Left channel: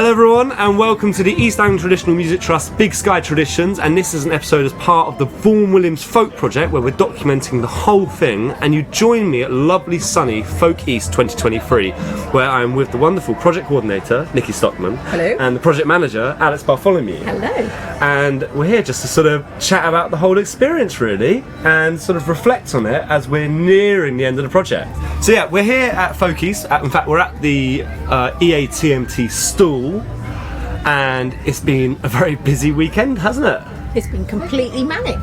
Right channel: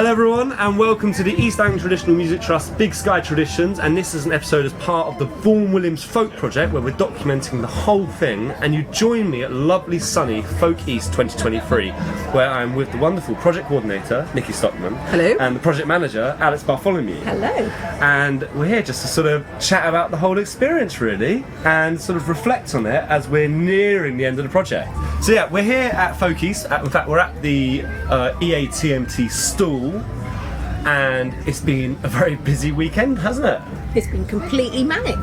Hello everyone and welcome to the East Anglia Traditional Music Trust Big Sky Traditions, and this is an episode as part of the Vaughan Williams Folk project where we're documenting the whole thing, and you join me at lovely sunny FolkEast 2023 where I'm with the wonderful project coordinator Nicky Stockman. Hello. And the project manager Alex Bartholomew. Hello. And we're here just to sort of chat about the whole experience really and sort of reflect on it as we're nearing the end of the project. So yeah, we're here at FolkEast. In fact, we're at the EATMT stall, and it's been a very busy weekend, hasn't it? It's been completely manic,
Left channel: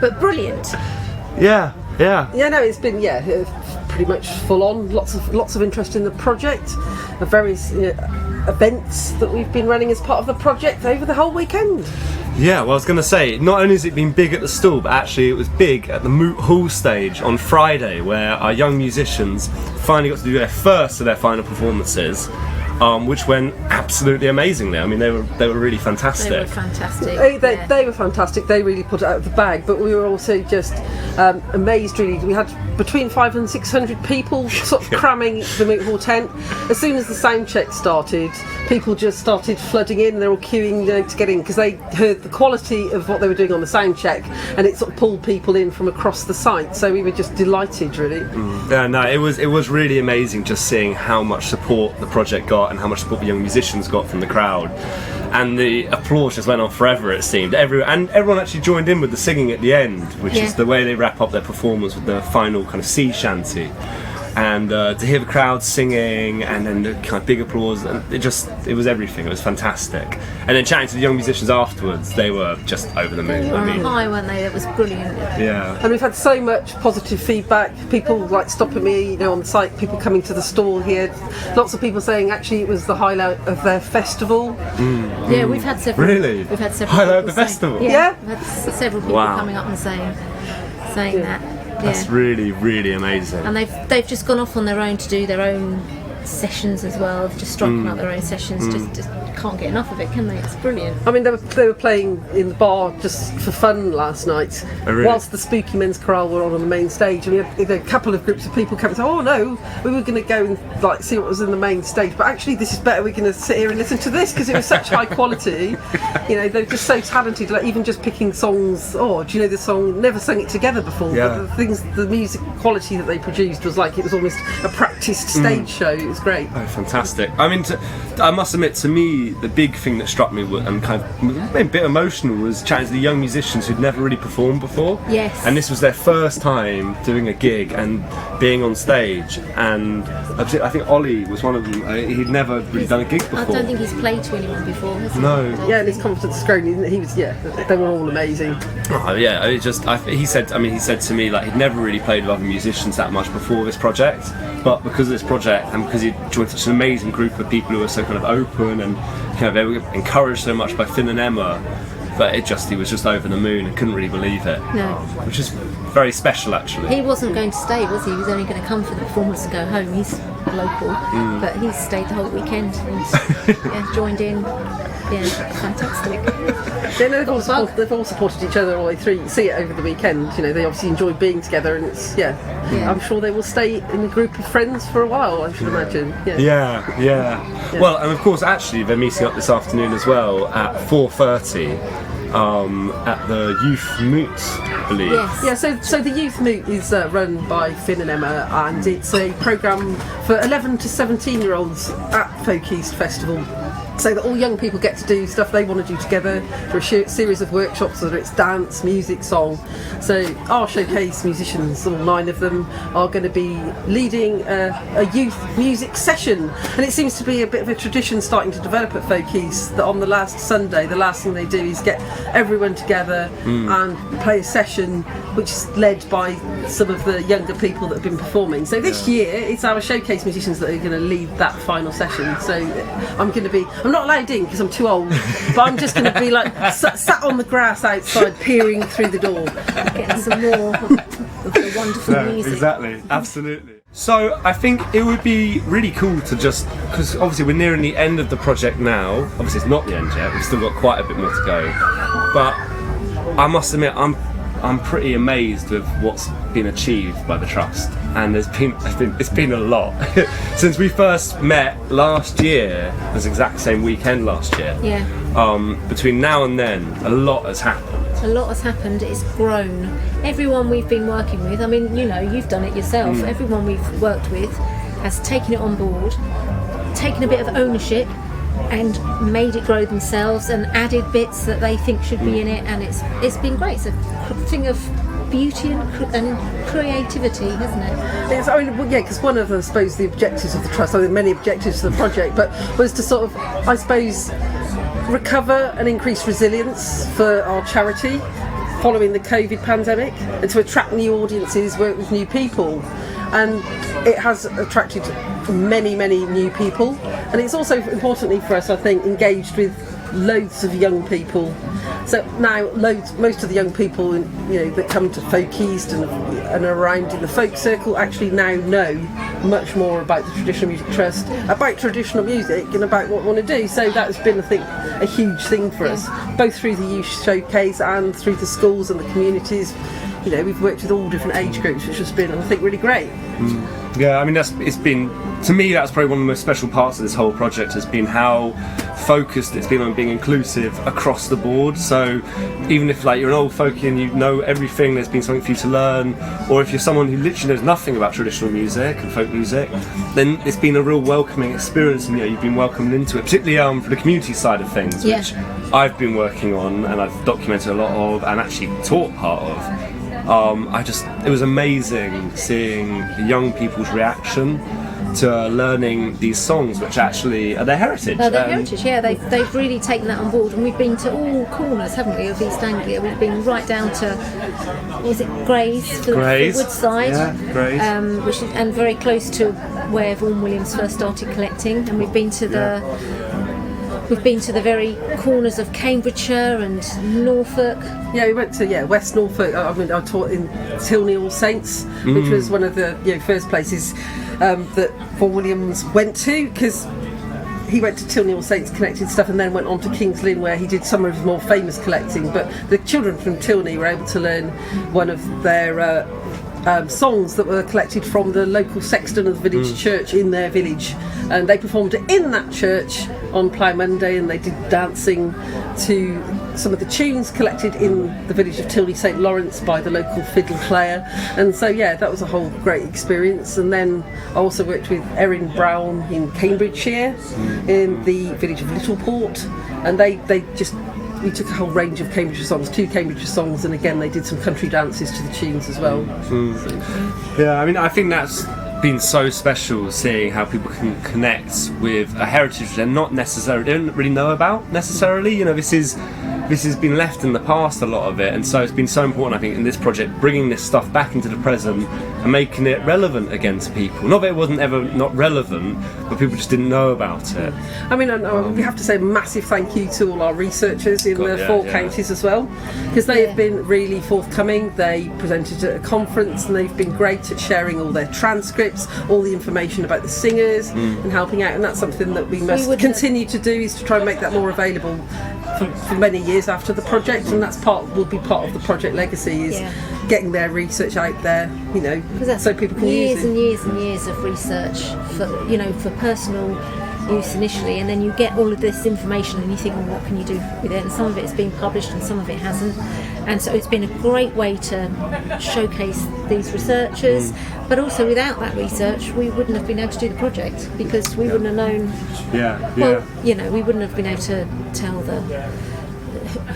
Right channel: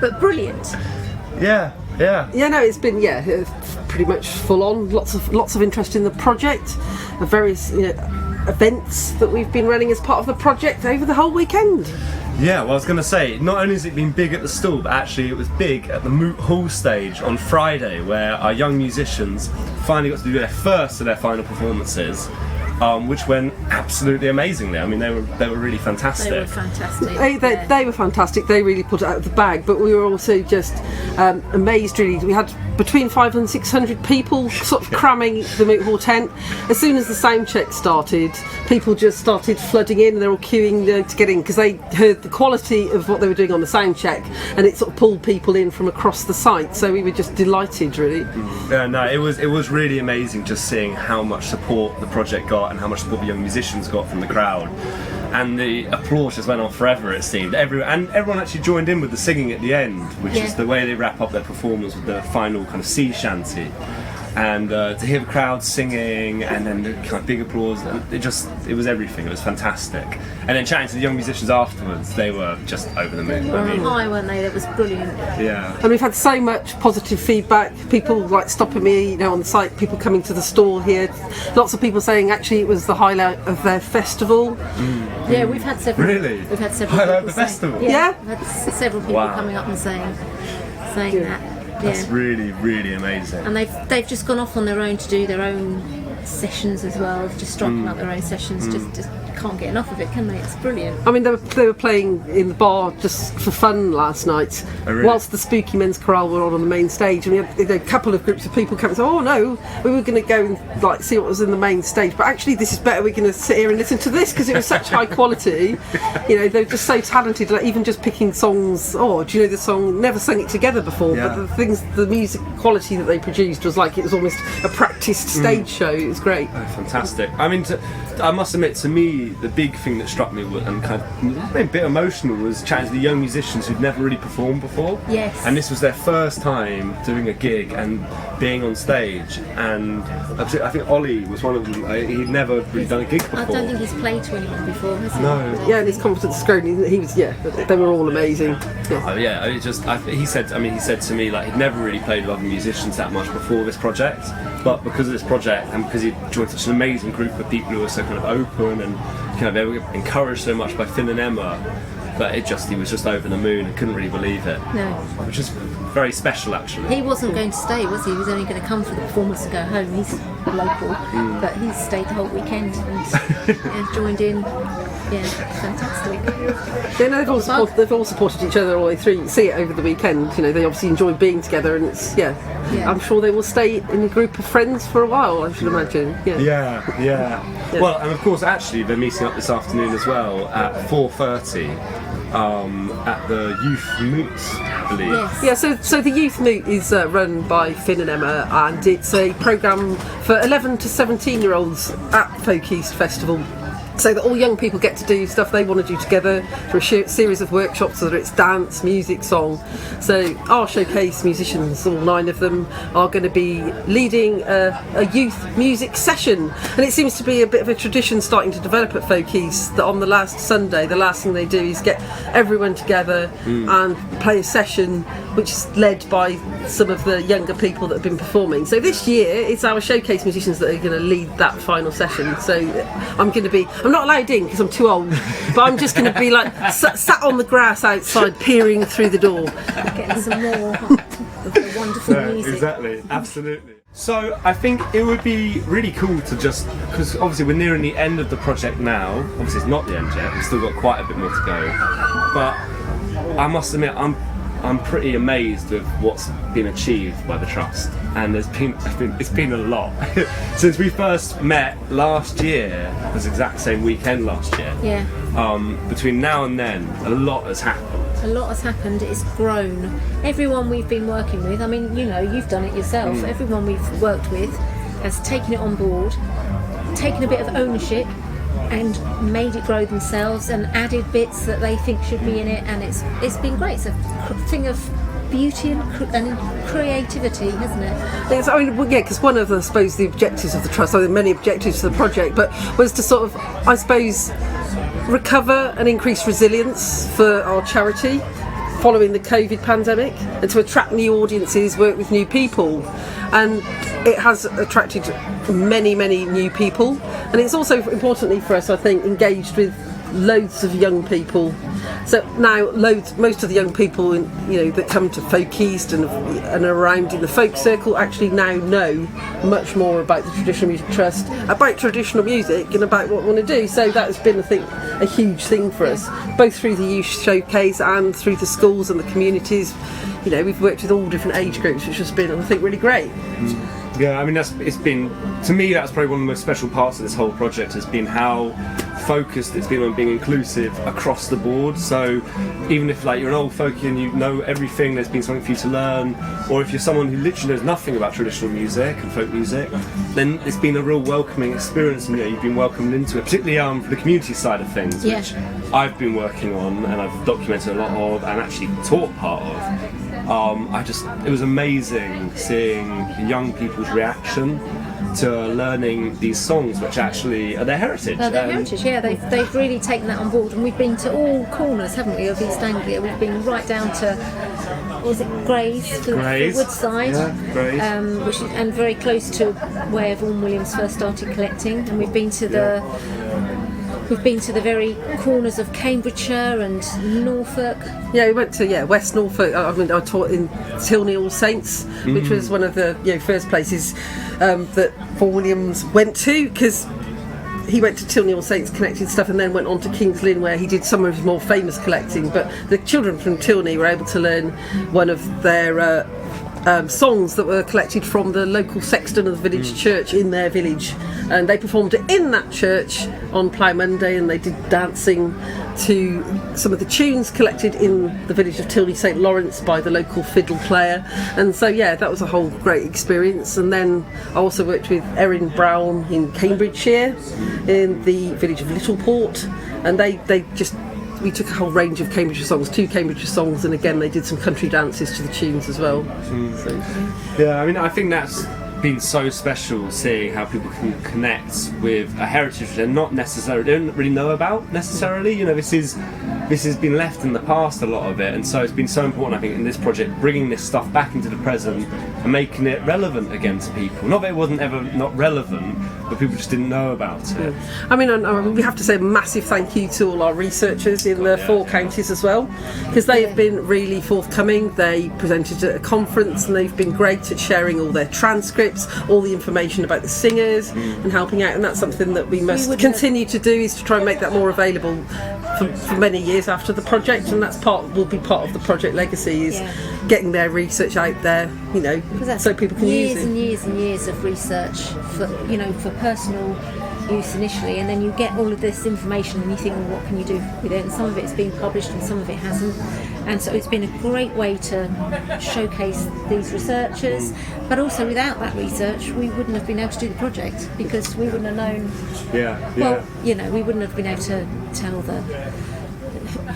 but brilliant. Yeah. It's been pretty much full on. Lots of interest in the project, various events that we've been running as part of the project over the whole weekend. Yeah, well, I was going to say, not only has it been big at the stall, but actually it was big at the Moot Hall stage on Friday, where our young musicians finally got to do their first of their final performances, which went absolutely amazingly. I mean, they were really fantastic. They were fantastic. They were fantastic. They really put it out of the bag. But we were also just amazed. Really, we had between 500 and 600 people sort of cramming the Moot Hall tent. As soon as the sound check started, people just started flooding in. They're all queuing, to get in because they heard the quality of what they were doing on the sound check, and it sort of pulled people in from across the site. So we were just delighted, really. Yeah, no, it was really amazing just seeing how much support the project got and how much support the young musicians got from the crowd, and the applause just went on forever, it seemed. Everyone actually joined in with the singing at the end, which is the way they wrap up their performance with the final kind of sea shanty. And to hear the crowd singing and then the kind of big applause, it was everything. It was fantastic. And then chatting to the young musicians afterwards, they were just over the moon. They were on high, weren't they? That was brilliant. Yeah. And we've had so much positive feedback. People like stopping me, on the site. People coming to the stall here. Lots of people saying actually it was the highlight of their festival. Yeah, we've had several. Really? We've had several. Highlight of the festival. Yeah. We've had several people coming up and saying that. That's really, really amazing. And they've just gone off on their own to do their own sessions as well, just striking out their own sessions. Just can't get enough of it, can they? It's brilliant. I mean, they were playing in the bar just for fun last night, really? Whilst the Spooky Men's Chorale were on the main stage, and we had a couple of groups of people come and say, "Oh no, we were going to go and see what was in the main stage, but actually this is better. We're going to sit here and listen to this because it was such high quality." They're just so talented. Like even just picking songs. Oh, do you know the song? Never sung it together before, but the music quality that they produced was like it was almost a practiced stage show. It was great. Oh, fantastic. I mean, I must admit, to me, the big thing that struck me and kind of a bit emotional was chatting to the young musicians who'd never really performed before. Yes. And this was their first time doing a gig and being on stage. And I think Ollie was one of them. He'd never really done a gig before. I don't think he's played to anyone before, has he? No. And his confidence has grown. He was, they were all amazing. He said to me like he'd never really played with other musicians that much before this project, but because of this project and because he joined such an amazing group of people who were so kind of open and they were encouraged so much by Finn and Emma, but he was just over the moon and couldn't really believe it. No. Which is very special actually. He wasn't going to stay, was he? He was only going to come for the performance and go home. He's local, but he stayed the whole weekend and joined in. Yeah, fantastic. They've all supported each other all the way through. You see it over the weekend. They obviously enjoy being together, and it's I'm sure they will stay in a group of friends for a while. I should imagine. Yeah. Well, and of course, actually, they're meeting up this afternoon as well at 4:30 at the Youth Moot, I believe. Yes. Yeah. So the Youth Moot is run by Finn and Emma, and it's a programme for 11 to 17-year-olds at FolkEast Festival. So that all young people get to do stuff they want to do together for a series of workshops, whether it's dance, music, song. So our showcase musicians, all 9 of them, are going to be leading a youth music session. And it seems to be a bit of a tradition starting to develop at FolkEast that on the last Sunday, the last thing they do is get everyone together and play a session which is led by some of the younger people that have been performing. So this year, it's our showcase musicians that are going to lead that final session. So I'm not allowed in because I'm too old, but I'm just going to be like sat on the grass outside peering through the door. Getting some more of the wonderful music. Exactly, absolutely. So I think it would be really cool to just, because obviously we're nearing the end of the project now. Obviously it's not the end yet, we've still got quite a bit more to go. But I must admit, I'm I'm pretty amazed with what's been achieved by the Trust, and it's been a lot. Since we first met last year, it was the exact same weekend last year. Yeah. Between now and then, a lot has happened. A lot has happened. It's grown. Everyone we've been working with, I mean, you know, you've done it yourself. Everyone we've worked with has taken it on board, taken a bit of ownership, and made it grow themselves, and added bits that they think should be in it. And it's been great. It's a thing of beauty and creativity, isn't it? Yes, I mean, yeah, because one of, I suppose, the objectives of the Trust, I mean, many objectives to the project, but was to sort of, I suppose, recover and increase resilience for our charity following the COVID pandemic, and to attract new audiences, work with new people. And it has attracted many new people, and it's also, importantly for us, I think, engaged with loads of young people. So now most of the young people, you know, that come to FolkEast and around in the folk circle actually now know much more about the Traditional Music Trust, about traditional music, and about what we want to do. So that has been, I think, a huge thing for us, both through the youth showcase and through the schools and the communities. You know, we've worked with all different age groups, which has been, I think, really great. Yeah, I mean, it's been, to me, that's probably one of the most special parts of this whole project, has been how focused it's been on being inclusive across the board. So even if, like, you're an old folkie and you know everything, there's been something for you to learn, or if you're someone who literally knows nothing about traditional music and folk music, then it's been a real welcoming experience, and, you know, you've been welcomed into it, particularly for the community side of things, which I've been working on and I've documented a lot of and actually taught part of. It was amazing seeing young people's reaction to learning these songs, which actually are their heritage. Their heritage, yeah. They've really taken that on board, and we've been to all corners, haven't we, of East Anglia. We've been right down to, was it Grays, the Woodside, which is, and very close to where Vaughan Williams first started collecting. And we've been to the very corners of Cambridgeshire and Norfolk. Yeah, we went to West Norfolk. I mean, I taught in Tilney All Saints, which was one of the first places that Vaughan Williams went to, because he went to Tilney All Saints, collected stuff, and then went on to King's Lynn, where he did some of his more famous collecting. But the children from Tilney were able to learn one of their songs that were collected from the local sexton of the village church in their village, and they performed it in that church on Plough Monday, and they did dancing to some of the tunes collected in the village of Tilney St Lawrence by the local fiddle player. And so that was a whole great experience. And then I also worked with Erin Brown in Cambridgeshire in the village of Littleport, and we took a whole range of Cambridgeshire songs, 2 Cambridgeshire songs, and again they did some country dances to the tunes as well. Yeah, I mean, I think that's been so special, seeing how people can connect with a heritage they're not necessarily, they don't really know about necessarily. You know, this has been left in the past, a lot of it, and so it's been so important, I think, in this project, bringing this stuff back into the present and making it relevant again to people. Not that it wasn't ever not relevant, but people just didn't know about it. I mean, we have to say a massive thank you to all our researchers in the 4 counties as well, because they have been really forthcoming. They presented at a conference, and they've been great at sharing all their transcripts, all the information about the singers, and helping out. And that's something that we must continue to do, is to try and make that more available for many years after the project. And that's will be part of the project legacy, is getting their research out there, you know, so people can use it. Years and years of research for personal use initially, and then you get all of this information and you think, well, what can you do with it? And some of it's been published and some of it hasn't, and so it's been a great way to showcase these researchers. But also, without that research, we wouldn't have been able to do the project, because we wouldn't have known. Well, we wouldn't have been able to tell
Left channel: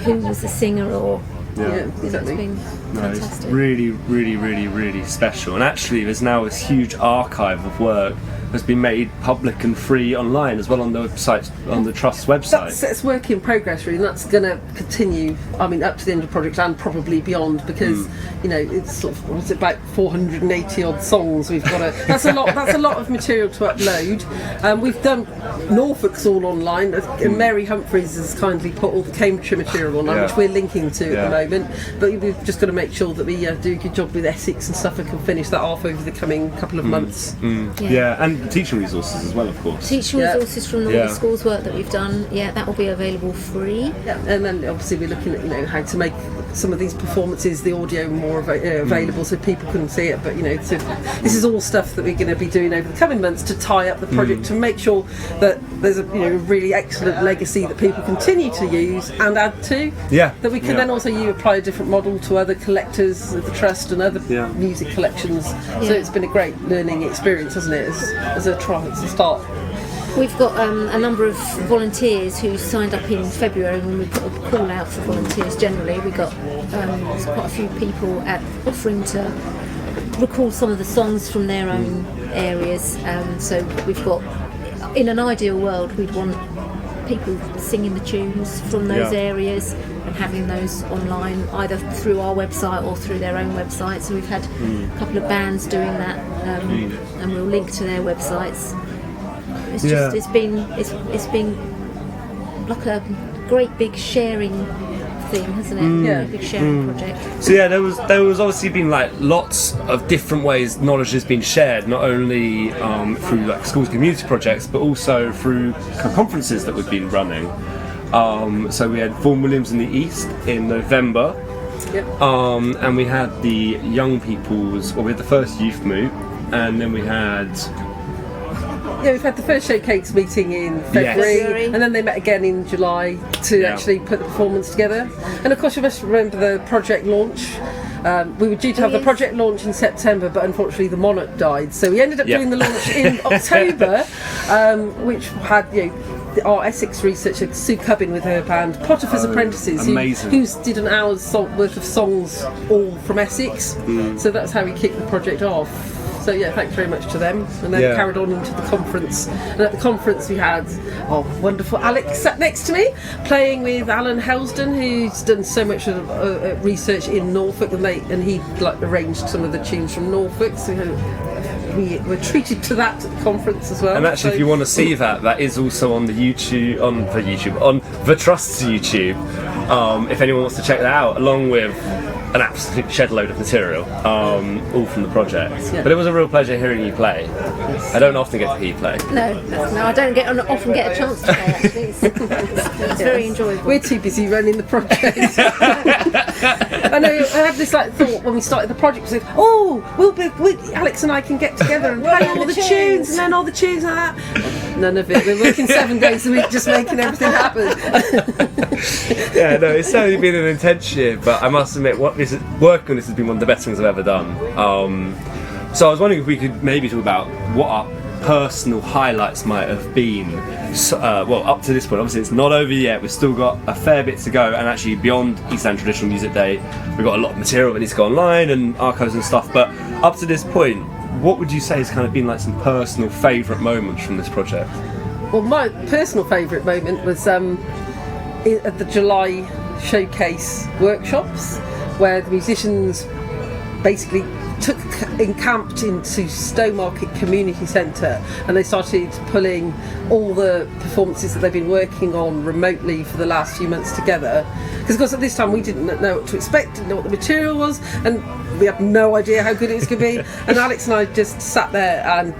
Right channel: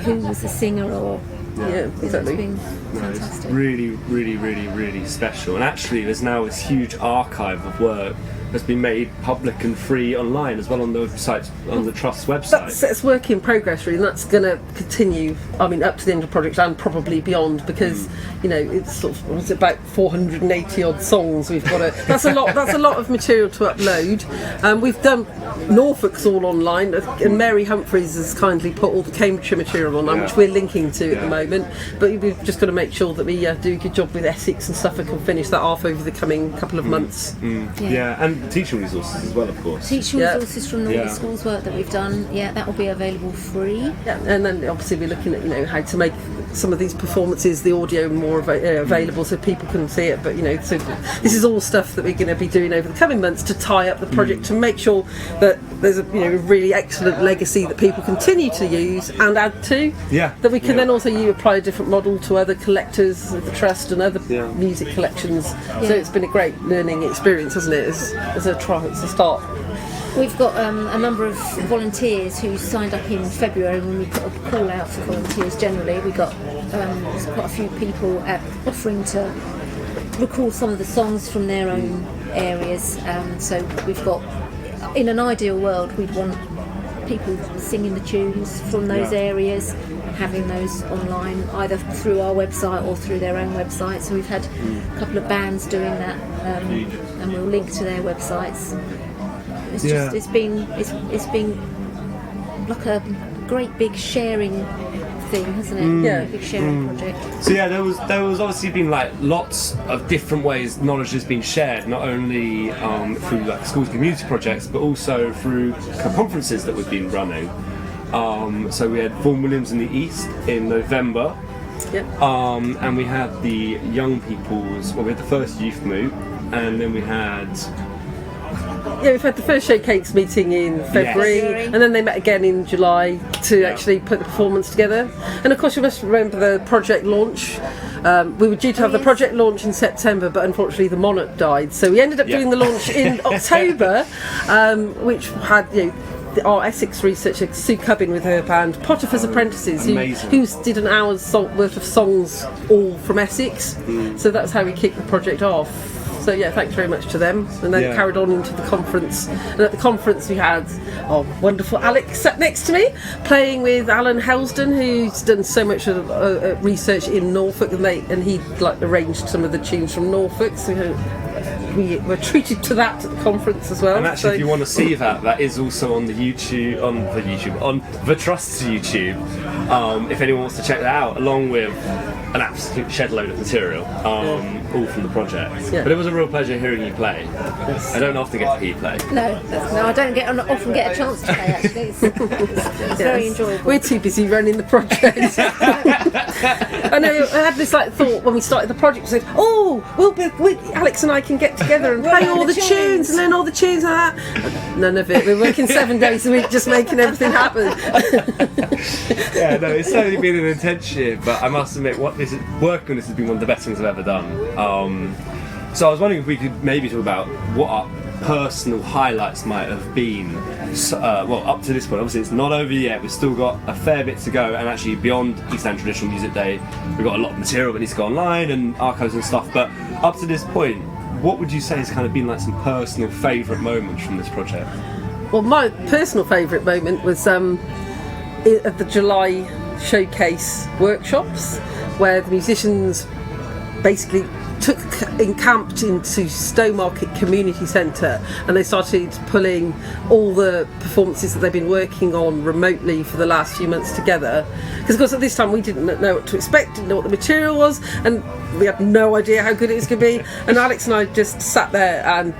who was the singer, or exactly. It's been fantastic. It's really special. And actually, there's now this huge archive of work that's been made public and free online as well on the website, on the Trust's website. That's work in progress, really, and that's going to continue, I mean, up to the end of the project and probably beyond, because it's sort of, what's it, about 480 odd songs we've got that's a lot of material to upload. We've done Norfolk's all online, and Mary Humphreys has kindly put all the Cambridgeshire material online, which we're linking to at the moment, but we've just got to make sure that we do a good job with Essex and Suffolk and finish that off over the coming couple of months. And the teaching resources as well, of course. Teaching resources from all Yeah. the schools work that we've done, that will be available free. Yeah, and then obviously we're looking at how to make some of these performances, the audio more available so people can see it. But so this is all stuff that we're going to be doing over the coming months to tie up the project to make sure that there's a really excellent legacy that people continue to use and add to. Yeah. That we can then also apply a different model to other collectors of the trust and other music collections. So it's been a great learning experience, hasn't it? As a start. We've got a number of volunteers who signed up in February when we put a call out for volunteers generally. We got quite a few people offering to record some of the songs from their own areas. So we've got, in an ideal world, we'd want people singing the tunes from those areas and having those online, either through our website or through their own website. So we've had a couple of bands doing that, and we'll link to their websites. It's just it's been like a great big sharing thing, hasn't it? A big sharing project. So there was obviously been like lots of different ways knowledge has been shared, not only through like schools community projects, but also through conferences that we've been running. So we had Vaughan Williams in the East in November. Yep. And we had the young people's, we had the first youth moot, and then we had. Yeah, we've had the first showcase meeting in February, and then they met again in July to actually put the performance together. And of course, you must remember the project launch. We were due to have the project launch in September, but unfortunately the Monarch died. So we ended up doing the launch in October, which had our Essex researcher Sue Cubbin with her band Potiphar's Apprentices, who did an hour's worth of songs all from Essex. So that's how we kicked the project off. So thanks very much to them, and then carried on into the conference. And at the conference we had wonderful Alex sat next to me, playing with Alan Helsden, who's done so much research in Norfolk, and he arranged some of the tunes from Norfolk. So we were treated to that at the conference as well. And actually, if you want to see that is also on the YouTube, on the Trust's YouTube. If anyone wants to check that out, along with an absolute shed load of material, all from the project. Yeah. But it was a real pleasure hearing you play. I don't often get to hear you play. No, I don't often get a chance to play. Actually, it's very enjoyable. We're too busy running the project. I know. I had this thought when we started the project. Alex and I can get together and play all the tunes, and then all the tunes and that. None of it. We're working 7 days a week, just making everything happen. It's certainly been an intense year, but I must admit, working on this has been one of the best things I've ever done. So I was wondering if we could maybe talk about what our personal highlights might have been. Up to this point, obviously it's not over yet. We've still got a fair bit to go, and actually beyond East End Traditional Music Day, we've got a lot of material that needs to go online and archives and stuff. But up to this point, what would you say has kind of been like some personal favourite moments from this project? Well, my personal favourite moment was at the July showcase workshops, where the musicians basically encamped into Stowmarket Community Centre, and they started pulling all the performances that they've been working on remotely for the last few months together. Because of course at this time we didn't know what to expect, didn't know what the material was, and we had no idea how good it was going to be. And Alex and I just sat there and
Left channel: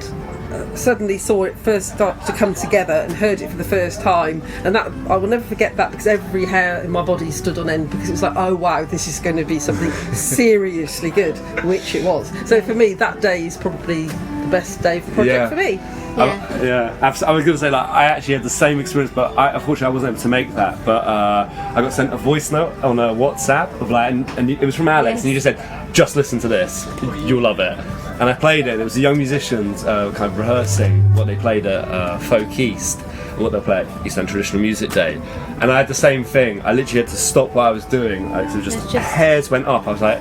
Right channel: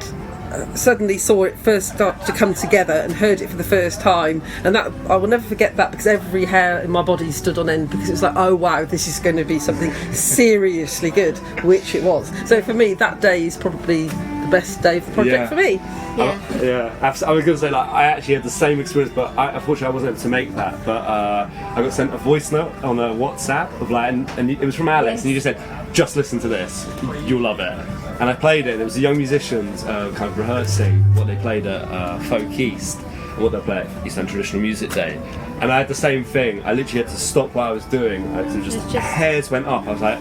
suddenly saw it first start to come together and heard it for the first time, and that I will never forget that, because every hair in my body stood on end, because it was like, oh wow, this is going to be something seriously good, which it was. So for me, that day is probably the best day of the project for me. Absolutely. I was going to say, I actually had the same experience, but unfortunately I wasn't able to make that. But I got sent a voice note on a WhatsApp of and it was from Alex, and he just said, "Just listen to this, you'll love it." And I played it. There was the young musicians kind of rehearsing what they played at FolkEast, or what they played at East End Traditional Music Day. And I had the same thing. I literally had to stop what I was doing. Just hairs went up. I was like,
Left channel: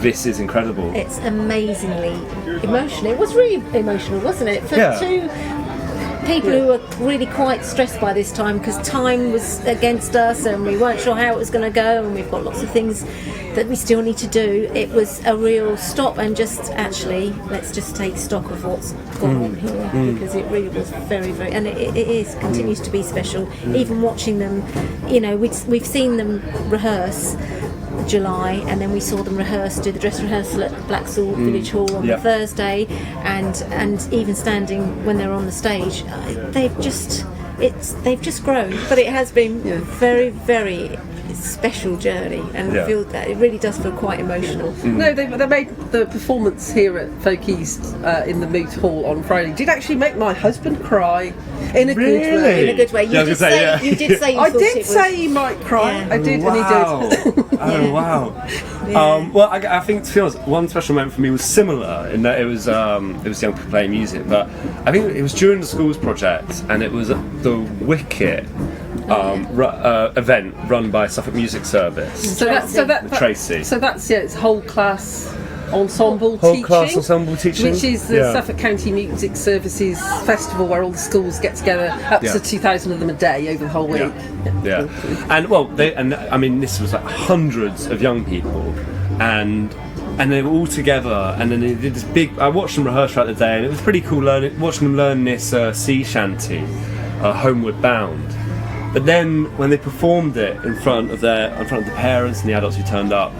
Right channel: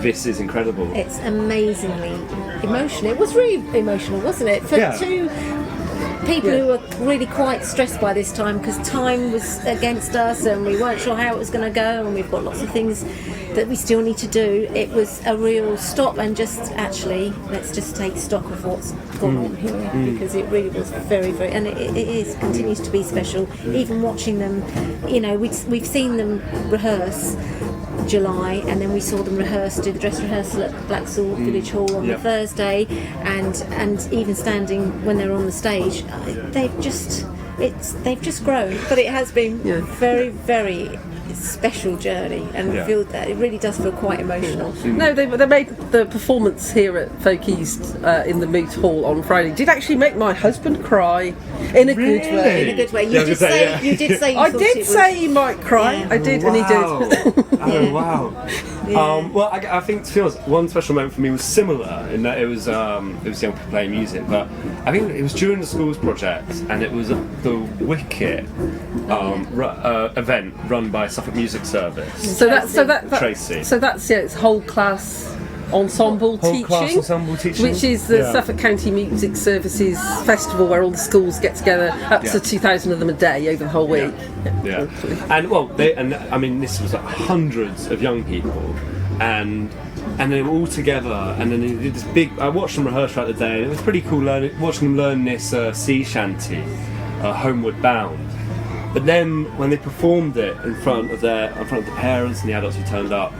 this is incredible. It's amazingly emotional. It was really emotional, wasn't it? For two people who were really quite stressed by this time, because time was against us and we weren't sure how it was going to go, and we've got lots of things that we still need to do. It was a real stop and just let's just take stock of what's gone on here, because it really was very, very, and it continues to be special. Even watching them, we've seen them rehearse. July, and then we saw them do the dress rehearsal at Blacksall Village Hall on the Thursday, and even standing when they're on the stage, they've just grown. But it has been very, very special journey, and feel that it really does feel quite emotional. No, they made the performance here at FolkEast in the Moot Hall on Friday. Did actually make my husband cry in a good way. In a good way. You did say I did say he might cry. Yeah. I did, and he did. Oh wow! Well, I think, to be honest, one special moment for me was similar in that it was young people playing music, but I think it was during the schools project, and it was the Wicket event run by Suffolk Music Service. Tracy. So that's it's whole class ensemble teaching, which is the Suffolk County Music Services festival where all the schools get together, up to 2,000 of them a day over the whole week. Yeah. And I mean, this was like hundreds of young people, and they were all together, and then they did this big. I watched them rehearse throughout the day, and it was pretty cool watching them learn this sea shanty, Homeward Bound. But then when they performed it in front of the parents and the adults who turned up,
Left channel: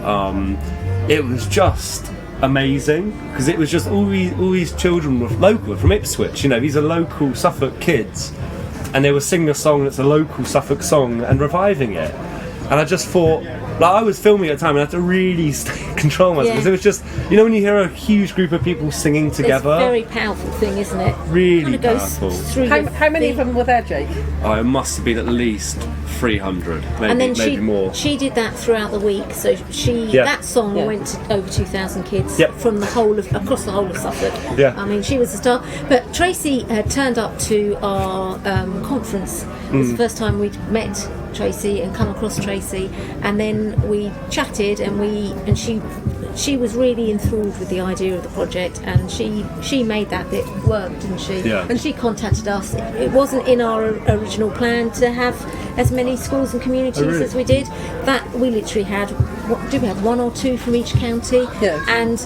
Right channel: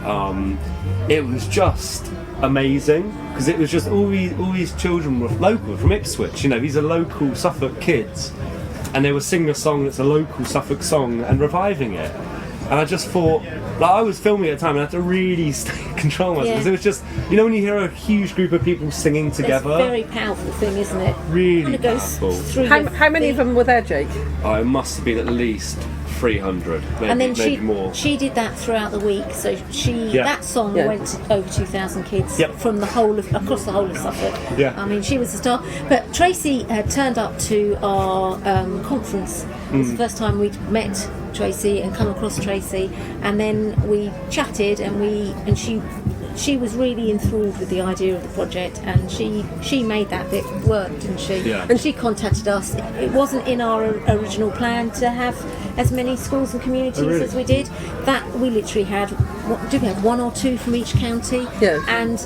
it was just amazing, because it was just all these children were local from Ipswich. These are local Suffolk kids, and they were singing a song that's a local Suffolk song and reviving it. And I just thought, I was filming at the time and I had to really control myself, because it was just, when you hear a huge group of people singing together, it's a very powerful thing, isn't it? Really kind of goes powerful. Through how many of them were there, Jake? It must have been at least 300, maybe, and then maybe more. She did that throughout the week, so that song went to over 2,000 kids from across the whole of Suffolk. Yeah. I mean, she was a star. But Tracy had turned up to our conference. It was the first time we'd met Tracy and come across Tracy, and then we chatted, and she was really enthralled with the idea of the project, and she made that bit work, didn't she? Yeah. And she contacted us. It wasn't in our original plan to have as many schools and communities as we did. That we literally had, did we have one or two from each county? Yeah. And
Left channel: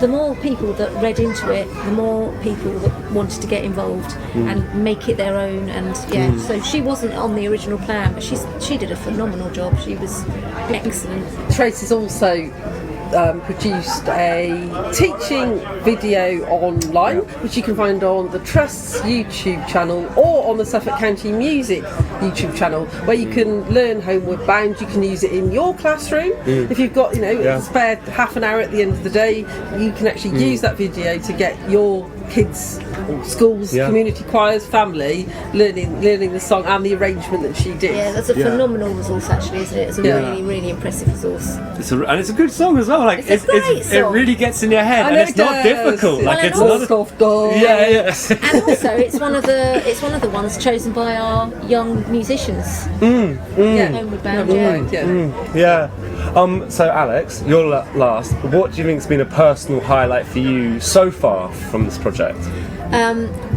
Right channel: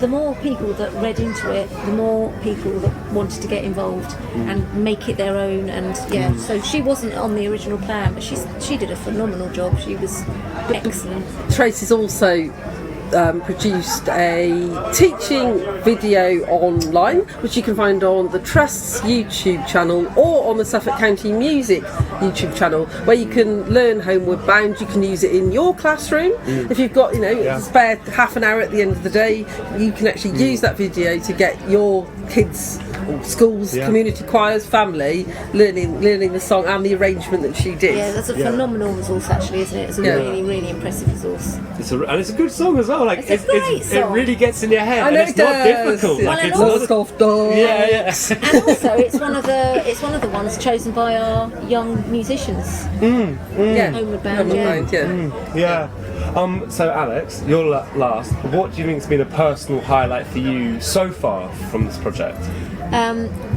the more people that read into it, the more people that wanted to get involved and make it their own. And so she wasn't on the original plan, but she did a phenomenal job. She was excellent. Tracy's also produced a teaching video online, which you can find on the Trust's YouTube channel or on the Suffolk County Music YouTube channel, where you can learn Homeward Bound. You can use it in your classroom. If you've got spare half an hour at the end of the day, you can actually use that video to get your kids, or schools, community choirs, family learning the song and the arrangement that she did. Yeah, that's a phenomenal resource, actually, isn't it? It's a really, really impressive resource. And it's a good song as well. It's a great song. It really gets in your head, and it's not difficult. Yeah. It's and also it's one of the ones chosen by our young musicians. Homeward Bound. So Alex, you're last. What do you think has been a personal highlight for you so far from this project?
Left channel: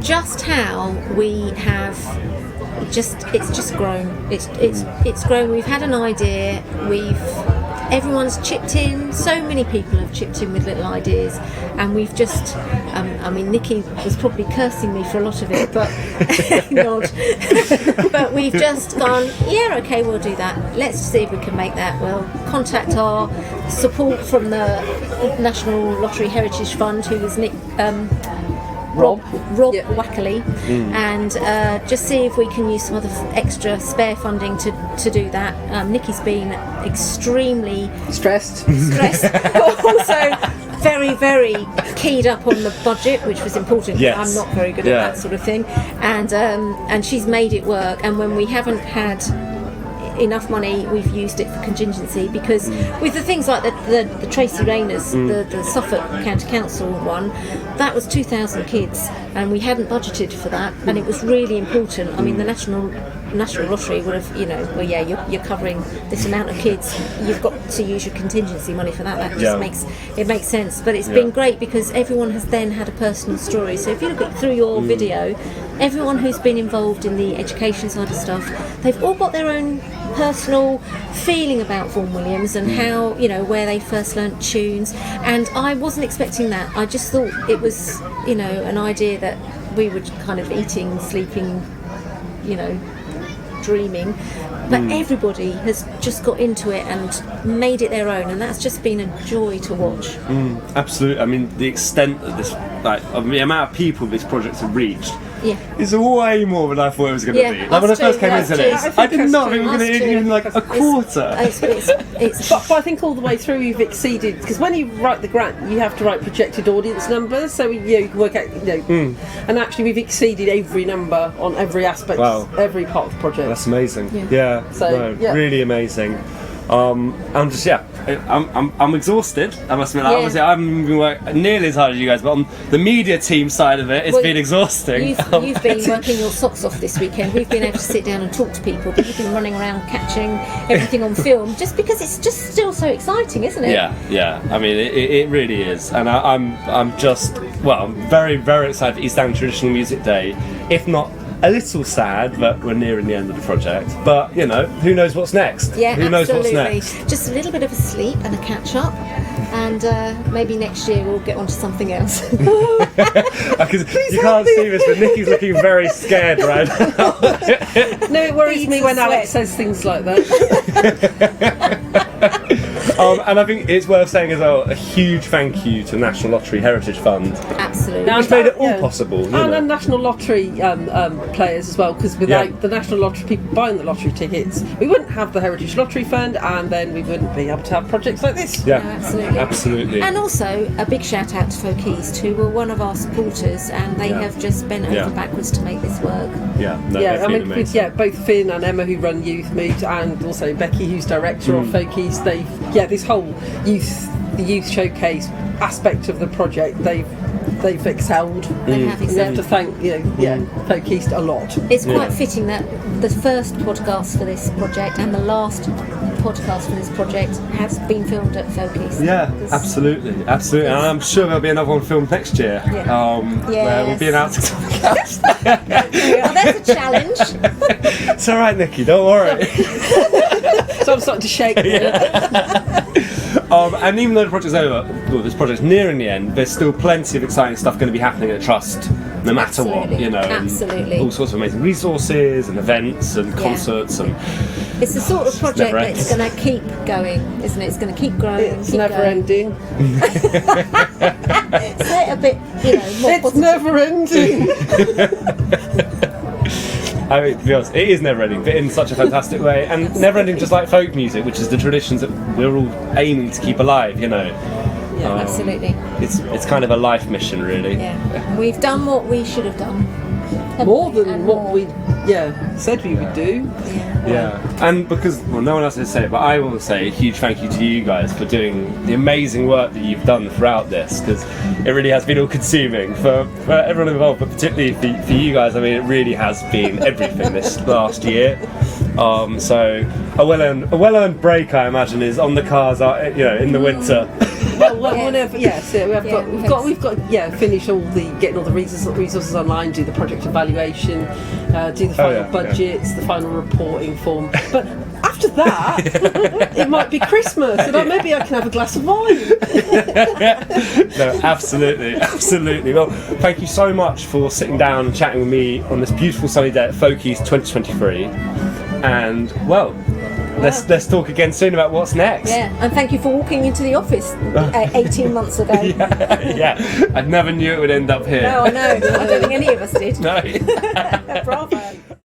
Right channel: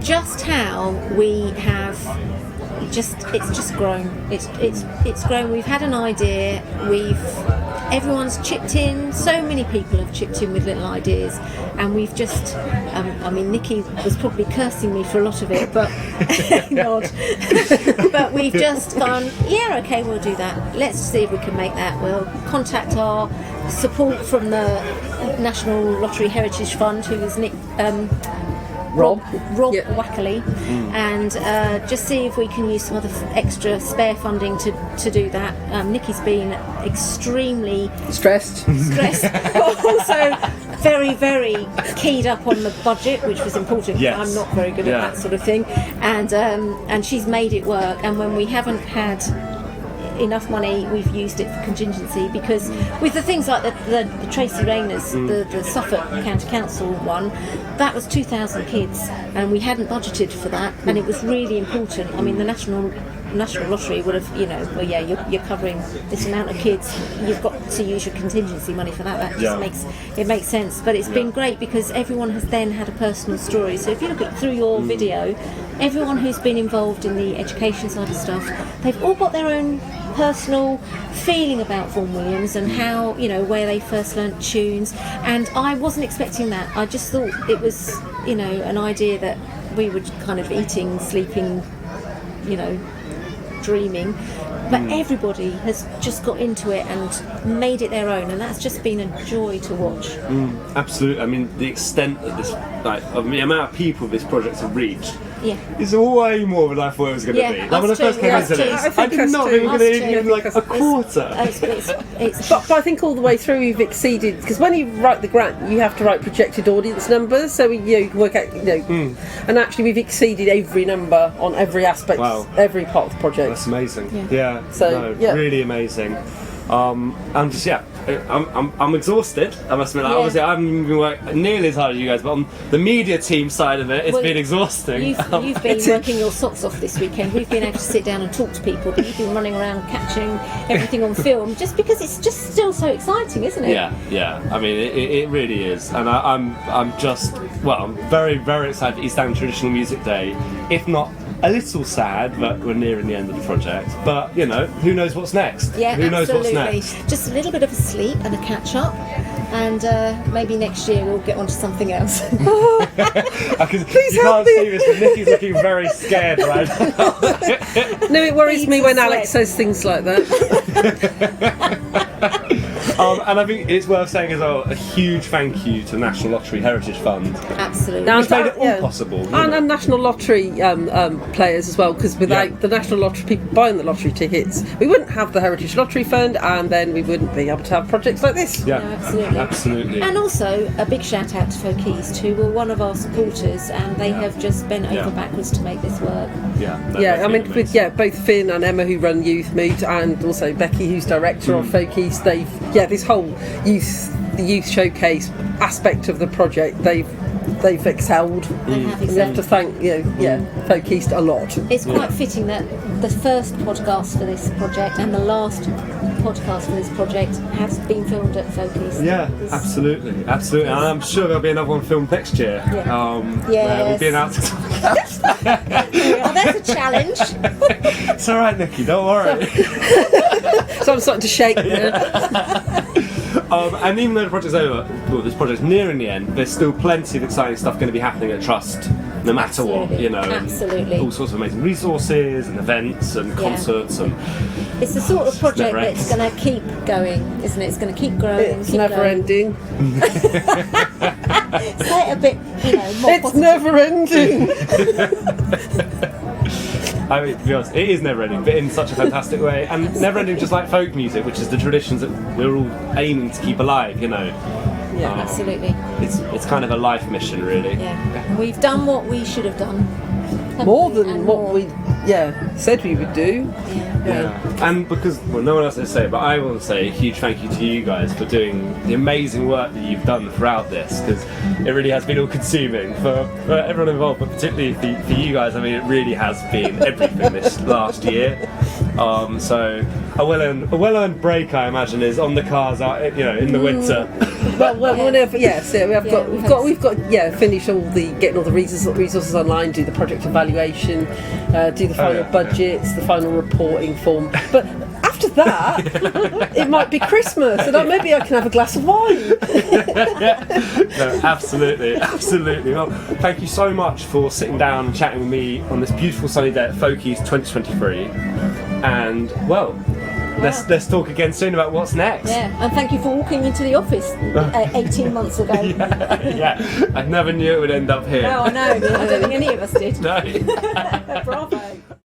Just how we have it's just grown. It's grown. We've had an idea. Everyone's chipped in. So many people have chipped in with little ideas, and we've just. Nicky was probably cursing me for a lot of it, but nod. But we've just gone. Yeah, okay, we'll do that. Let's see if we can make that. We'll contact our support from the National Lottery Heritage Fund, who is Rob Wackerley, and just see if we can use some other extra spare funding to do that. Nicky's been extremely stressed, but also very, very keyed up on the budget, which was important. Yes. I'm not very good at that sort of thing, and she's made it work. And when we haven't had enough money, we've used it for contingency, because with the things like the Tracy Rayners, the Suffolk County Council one, that was 2,000 kids, and we hadn't budgeted for that, and it was really important. I mean, the National Lottery would have, you're covering this amount of kids, you've got to use your contingency money for that. That just makes sense. But it's been great, because everyone has then had a personal story. So if you look through your video, everyone who's been involved in the education side of stuff, they've all got their own personal feeling about Vaughan Williams and how, where they first learnt tunes. And I wasn't expecting that. I just thought it was, an idea that we were kind of eating, sleeping, dreaming. but everybody has just got into it and made it their own, and that's just been a joy to watch. Absolutely. I mean, the extent that this, like, of the amount of people this project have reached is way more than I thought it was going to be. Like, when I first came into this, I did not think we were going to even like a quarter. But I think all the way through we've exceeded, because when you write the grant, you have to write projected audience numbers, so you can work out, and actually we've exceeded every number on every aspect, every part of the project. That's amazing. Yeah. Really amazing. I'm just I'm exhausted. I must admit, obviously I haven't been working nearly as hard as you guys, but on the media team side of it, it's been exhausting. You've been working your socks off this weekend. We've been able to sit down and talk to people, but you've been running around catching everything on film, just because it's just still so exciting, isn't it? Yeah. I mean, it really is, and I'm just I'm very, very excited for East Anglia Traditional Music Day. If not a little sad, but we're nearing the end of the project. But who knows what's next? Yeah, who knows what's next? Just a little bit of a sleep and a catch up, and maybe next year we'll get on to something else. You can't see this, but Nicky's looking very scared right now. No, it worries me when Alex says things like that. And I think it's worth saying as well, a huge thank you to National Lottery Heritage Fund. Absolutely. Which made it all possible. And National Lottery players as well, because without the National Lottery people buying the lottery tickets, we wouldn't have the Heritage Lottery Fund, and then we wouldn't be able to have projects like this. Yeah, absolutely. And also a big shout out to FolkEast, who were one of our supporters, and they have just bent over backwards to make this work. I mean, with, both Finn and Emma, who run Youth Mood, and also Becky, who's director of FolkEast, they've this whole the youth showcase aspect of the project, they've excelled. And we have to thank FolkEast a lot. It's quite fitting that the first podcast for this project and the last podcast for this project has been filmed at FolkEast. Absolutely. And I'm sure there'll be another one filmed next year. We'll be announcing something else. There's a challenge. It's alright, Nicky, don't worry. So I'm starting to shake now. And even though the project's over, this project's nearing the end, there's still plenty of exciting stuff going to be happening at Trust, no matter what, Absolutely. And all sorts of amazing resources and events and concerts. And it's the sort of project that's going to keep going, isn't it? It's going to keep growing. It's never ending. Say it a bit, more It's positive. never ending. I mean, to be honest, it is never-ending, but in such a fantastic way, and never-ending just like folk music, which is the traditions that we're all aiming to keep alive. Absolutely. It's kind of a life mission, really. Yeah, we've done what we should have done. More than what we said we would do. And because no one else will say it, but I will say a huge thank you to you guys for doing the amazing work that you've done throughout this, because it really has been all-consuming for everyone involved, but particularly for you guys. I mean, it really has been everything this last year. So a well-earned break, I imagine, is on the cards, in the winter. We've got to finish getting all the resources online, do the project evaluation, do the final budgets, the final reporting form. But after that, it might be Christmas, and maybe I can have a glass of wine. No, absolutely. Well, thank you so much for sitting down and chatting with me on this beautiful sunny day at FolkEast 2023. And let's talk again soon about what's next. And thank you for walking into the office 18 months ago. I never knew it would end up here. No, I know. I don't think any of us did. No. Bravo.